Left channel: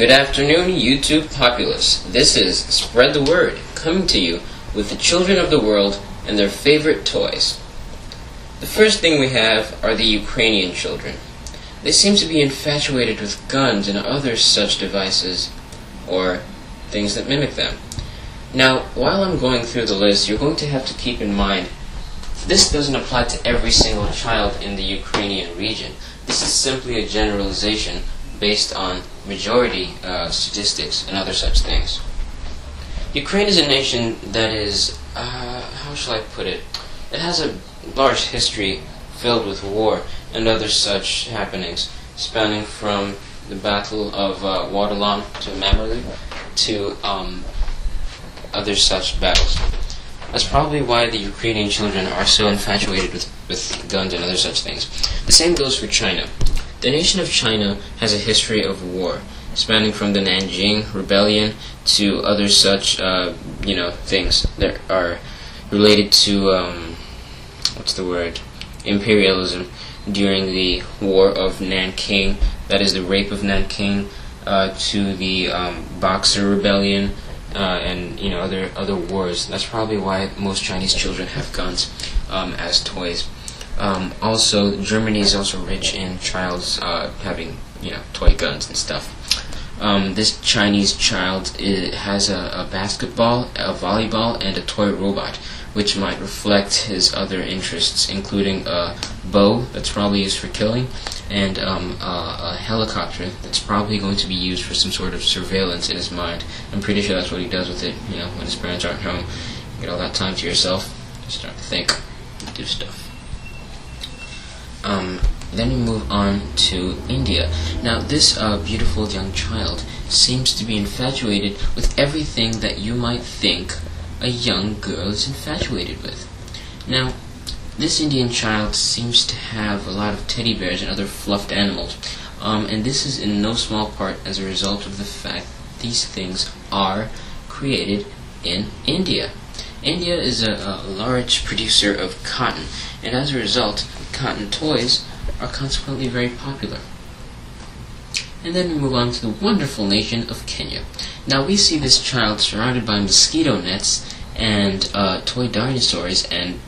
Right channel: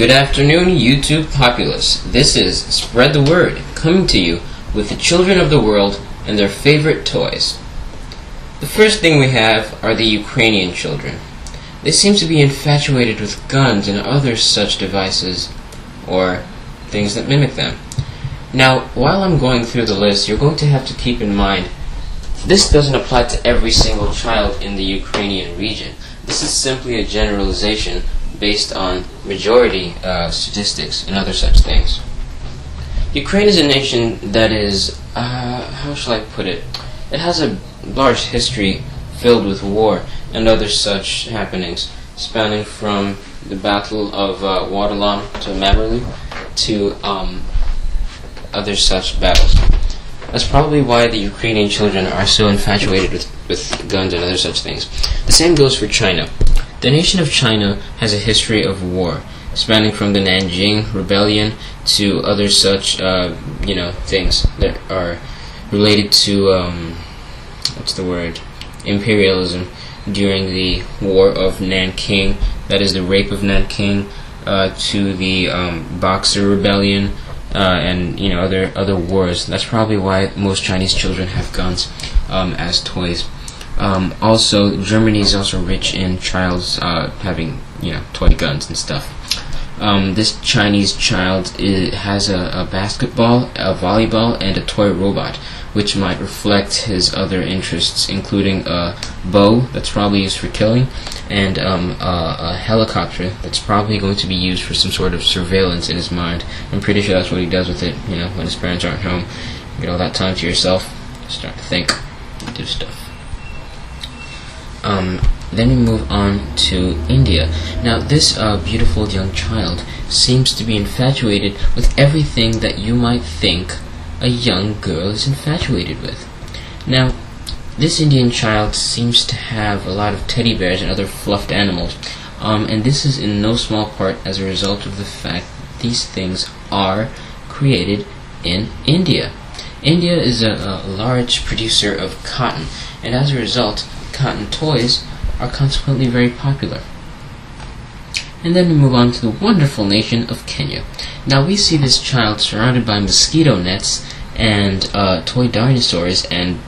Good afternoon, YouTube populace. This is Spread the Word, coming to you with the children of the world and their favorite toys. The first thing we have are the Ukrainian children. They seem to be infatuated with guns and other such devices, or things that mimic them. Now, while I'm going through the list, you're going to have to keep in mind this doesn't apply to every single child in the Ukrainian region. This is simply a generalization based on majority statistics and other such things. Ukraine is a nation that is, how shall I put it? It has a large history filled with war and other such happenings, spanning from the Battle of Waterloo to Mamerlu to other such battles. That's probably why the Ukrainian children are so infatuated with guns and other such things. The same goes for China. The nation of China has a history of war, spanning from the Nanjing Rebellion to other such, things that are related to, imperialism during the War of Nanking, that is the rape of Nanking, to the Boxer Rebellion, and other wars. That's probably why most Chinese children have guns as toys. Also, Germany is also rich in childs having toy guns and stuff. This Chinese child has a basketball, a volleyball, and a toy robot, which might reflect his other interests, including a bow that's probably used for killing, and a helicopter that's probably going to be used for some sort of surveillance in his mind. I'm pretty sure that's what he does with it, when his parents aren't home. You get all that time to yourself, start to think, do stuff. Then we move on to India. Now, this beautiful young child seems to be infatuated with everything that you might think a young girl is infatuated with. Now, this Indian child seems to have a lot of teddy bears and other fluffed animals, and this is in no small part as a result of the fact that these things are created in India. India is a large producer of cotton, and as a result, cotton toys are consequently very popular. And then we move on to the wonderful nation of Kenya. Now we see this child surrounded by mosquito nets and toy dinosaurs and,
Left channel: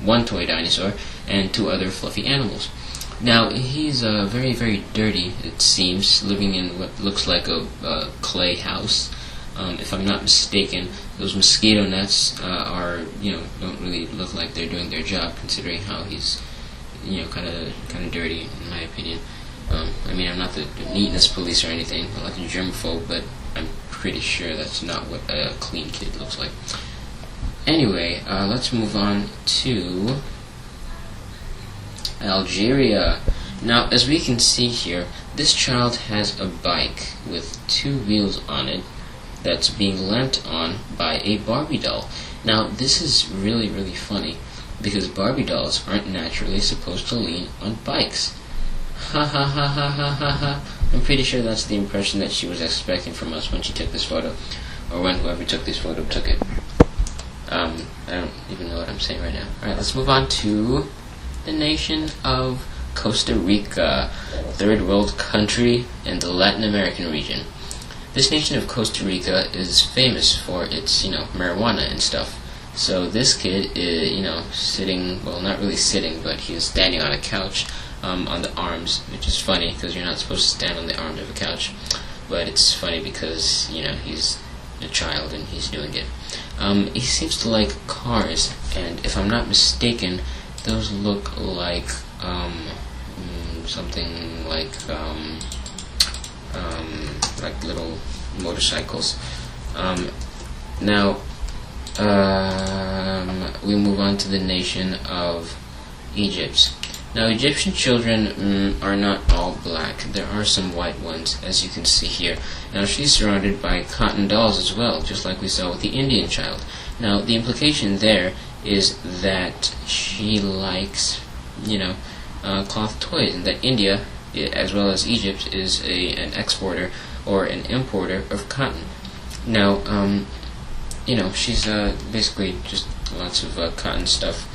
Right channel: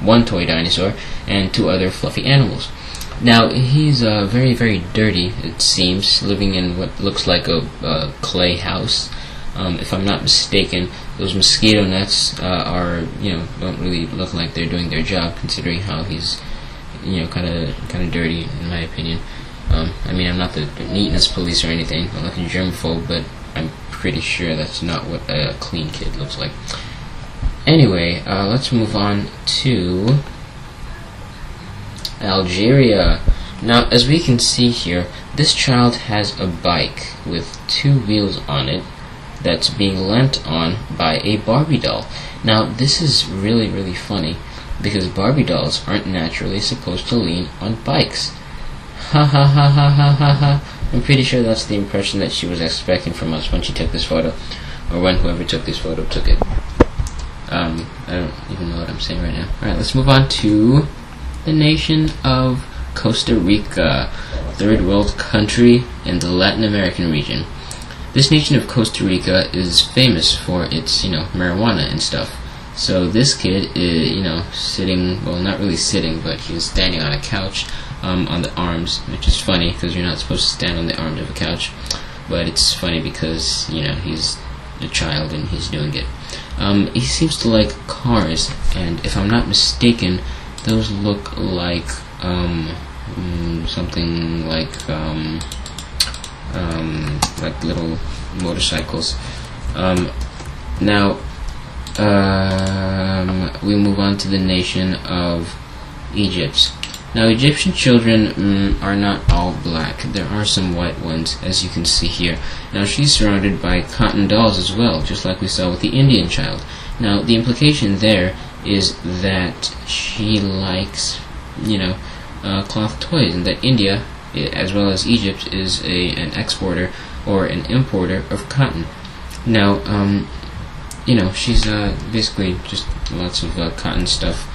one toy dinosaur and two other fluffy animals. Now he's very, very dirty, it seems, living in what looks like a clay house. If I'm not mistaken, those mosquito nets don't really look like they're doing their job, considering how he's kind of dirty, in my opinion. I'm not the neatness police or anything. I'm like a germaphobe, but I'm pretty sure that's not what a clean kid looks like. Anyway, let's move on to Algeria. Now, as we can see here, this child has a bike with two wheels on it that's being leant on by a Barbie doll. Now, this is really, really funny, because Barbie dolls aren't naturally supposed to lean on bikes. Ha ha ha ha ha ha ha. I'm pretty sure that's the impression that she was expecting from us when she took this photo, or when whoever took this photo took it. I don't even know what I'm saying right now. Alright, let's move on to the nation of Costa Rica, third world country in the Latin American region. This nation of Costa Rica is famous for its, marijuana and stuff. So this kid is, sitting, well, not really sitting, but he's standing on a couch on the arms, which is funny because you're not supposed to stand on the arms of a couch. But it's funny because, he's a child and he's doing it. He seems to like cars, and if I'm not mistaken, those look like something like little motorcycles. Now, we move on to the nation of Egypt. Now, Egyptian children are not all black. There are some white ones, as you can see here. Now, she's surrounded by cotton dolls as well, just like we saw with the Indian child. Now, the implication there is that she likes, cloth toys, and that India, as well as Egypt, is an exporter or an importer of cotton. Now, she's basically just lots of cotton stuff.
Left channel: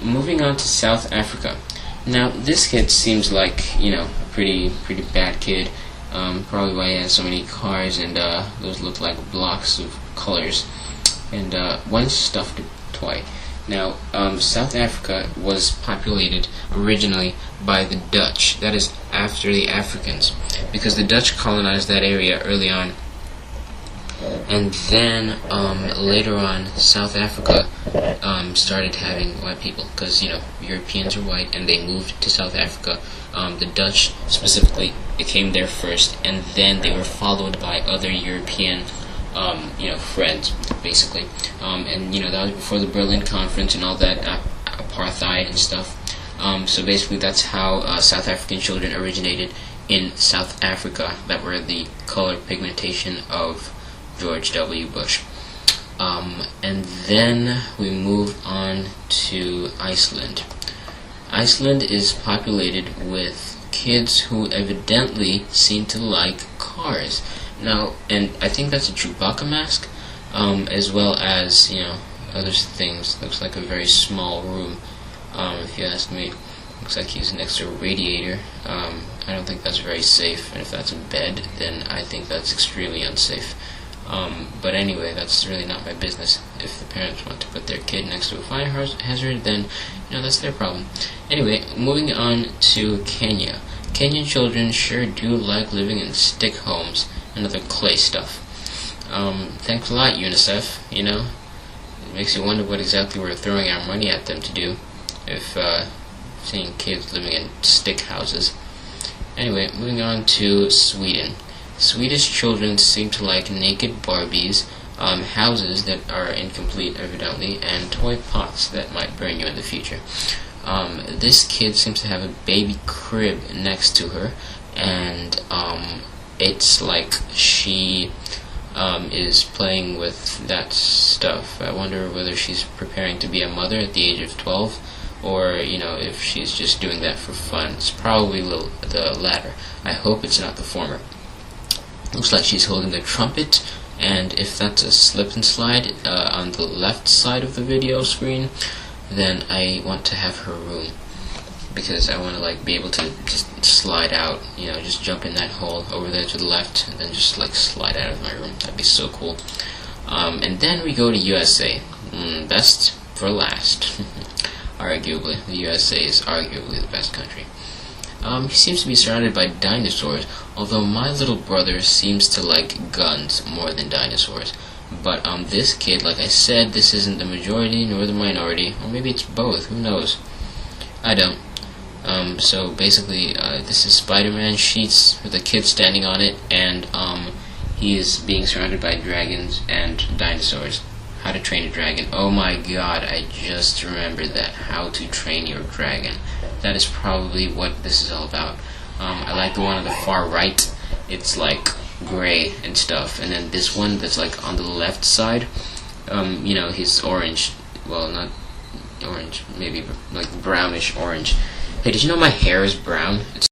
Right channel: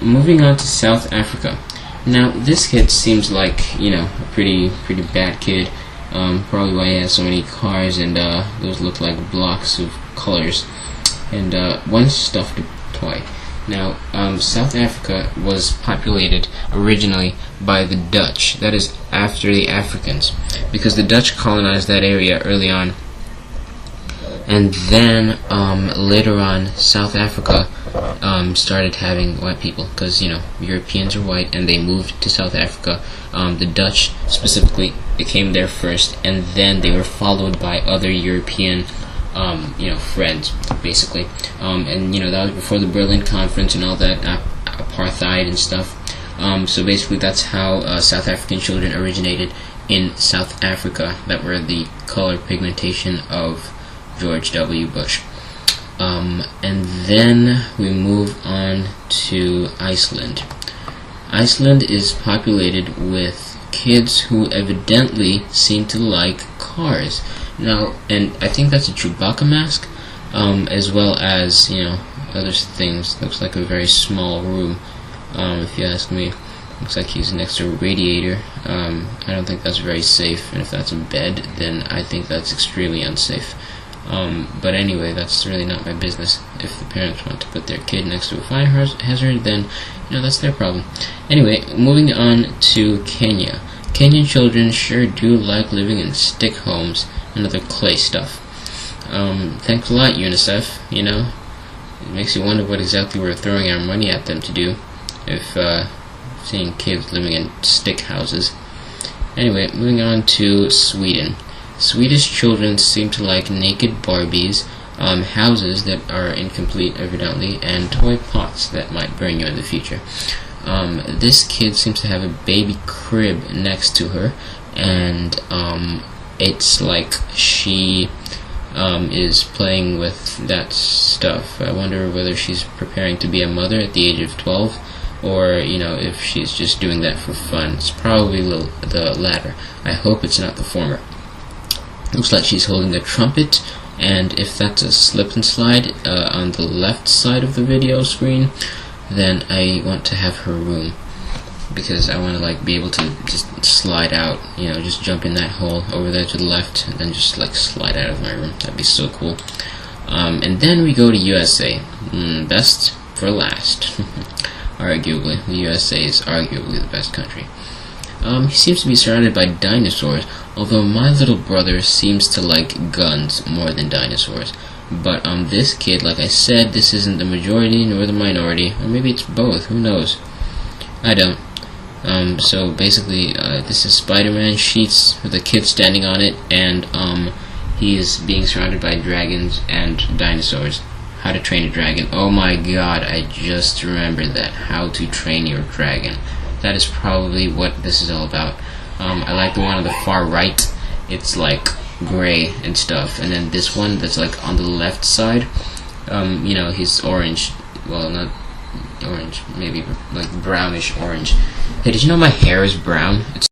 Moving on to South Africa. Now, this kid seems like, a pretty bad kid. Probably why he has so many cars, and those look like blocks of colors. And one stuffed toy. Now, South Africa was populated originally by the Dutch. That is, after the Africans, because the Dutch colonized that area early on. And then later on, South Africa started having white people, because Europeans are white, and they moved to South Africa. The Dutch specifically, it came there first, and then they were followed by other European friends, basically. And that was before the Berlin Conference and all that apartheid and stuff. So basically, that's how South African children originated in South Africa, that were the color pigmentation of George W. Bush. And then we move on to Iceland. Iceland is populated with kids who evidently seem to like cars. Now, and I think that's a Chewbacca mask, as well as, other things. Looks like a very small room, if you ask me. Looks like he's next to a radiator. I don't think that's very safe, and if that's a bed, then I think that's extremely unsafe. But anyway, that's really not my business. If the parents want to put their kid next to a fire hazard, then, that's their problem. Anyway, moving on to Kenya. Kenyan children sure do like living in stick homes and other clay stuff. Thanks a lot, UNICEF, It makes you wonder what exactly we're throwing our money at them to do, if seeing kids living in stick houses. Anyway, moving on to Sweden. Swedish children seem to like naked Barbies, houses that are incomplete, evidently, and toy pots that might burn you in the future. This kid seems to have a baby crib next to her, and it's like she is playing with that stuff. I wonder whether she's preparing to be a mother at the age of 12, or if she's just doing that for fun. It's probably the latter. I hope it's not the former. Looks like she's holding a trumpet, and if that's a slip and slide on the left side of the video screen, then I want to have her room, because I want to be able to just slide out, just jump in that hole over there to the left, and then just slide out of my room. That'd be so cool. And then we go to USA. Best for last. Arguably, the USA is arguably the best country. He seems to be surrounded by dinosaurs, although my little brother seems to like guns more than dinosaurs. But this kid, like I said, this isn't the majority nor the minority, or maybe it's both, who knows? I don't. So basically, this is Spider-Man sheets with a kid standing on it, and he is being surrounded by dragons and dinosaurs. How to Train a Dragon. Oh my god, I just remembered that. How to Train Your Dragon. That is probably what this is all about. I like the one on the far right. It's like gray and stuff, and then this one that's on the left side, he's orange. Well, not orange, maybe brownish orange. Hey, did you know my hair is brown? It's